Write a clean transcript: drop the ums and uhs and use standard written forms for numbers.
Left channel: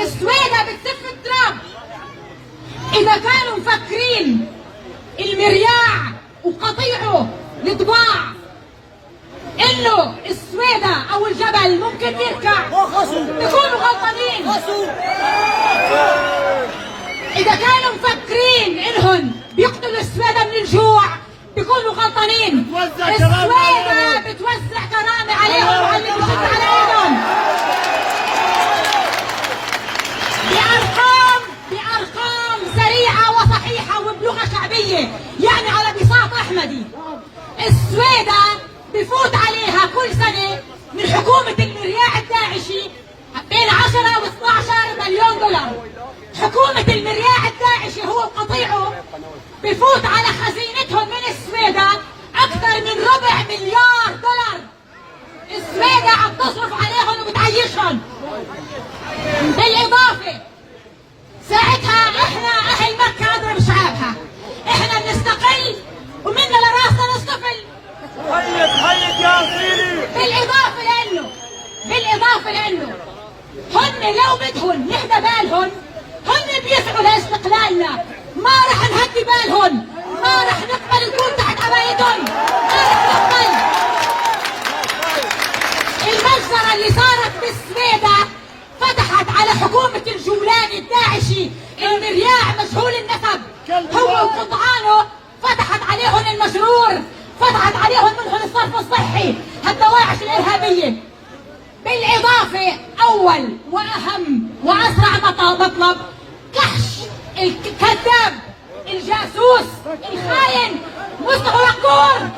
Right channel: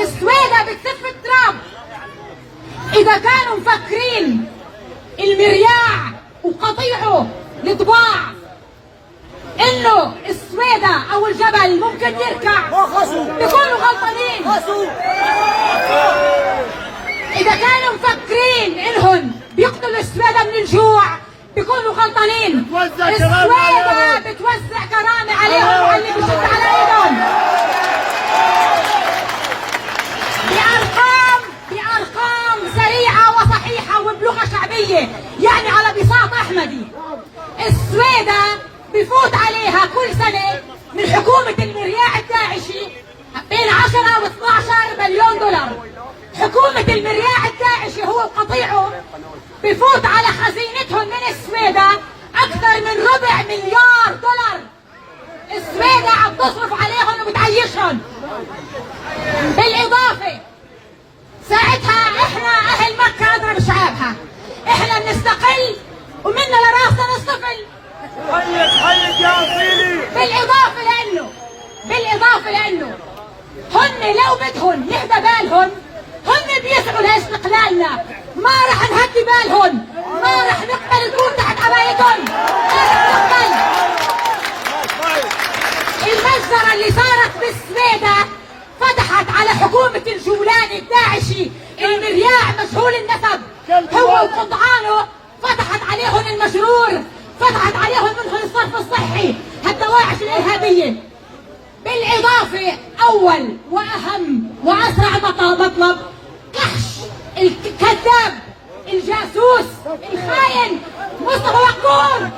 السويدة بتسف التراب. إذا كانوا مفكرين المرياع وقطيعه الضباع إنه السويدة أو الجبل ممكن يركع، بيكونوا غلطانين. إذا كانوا مفكرين إنهم بيقتلوا السويدة من الجوع، بيكونوا غلطانين. السويدة بتوزع كرامة عليهم وعلى اللي بيشد على ايدهم. بأرقام سريعة وصحيحة وبلغة شعبية، يعني على بساط أحمدي. السويدة بفوت عليها كل سنة من حكومة المرياع الداعشي بين 10 و 12 مليون دولار. حكومة المرياع الداعشي هو وقطيعه بفوت على خزينتهم من السويدة أكثر من ربع مليار دولار. السويدة عم تصرف عليهم وبتعيشهم. بالإضافة ساعتها إحنا أهل مكة نضرب شعابها، إحنا بنستقل ومنا لراسنا نصطفل. حيك يا أصيلي. بالإضافة لأنه هن لو بدهم يهدى بالهم هن بيسعوا لاستقلالنا، ما رح نهدي بالهم، ما رح نقبل نكون تحت عبايتهم، ما رح نقبل. المجزرة اللي صارت بالسويدة فتحت على حكومة الجولاني الداعشي المرياع مجهول النسب هو وقطعانه، فتحت عليهم المشرور، فتحت عليهم منهم الصرف الصحي، هالدواعش الإرهابية. بالإضافة أول وأهم وأسرع مطلب كحش الكذاب الجاسوس الخاين مصطفى يقور.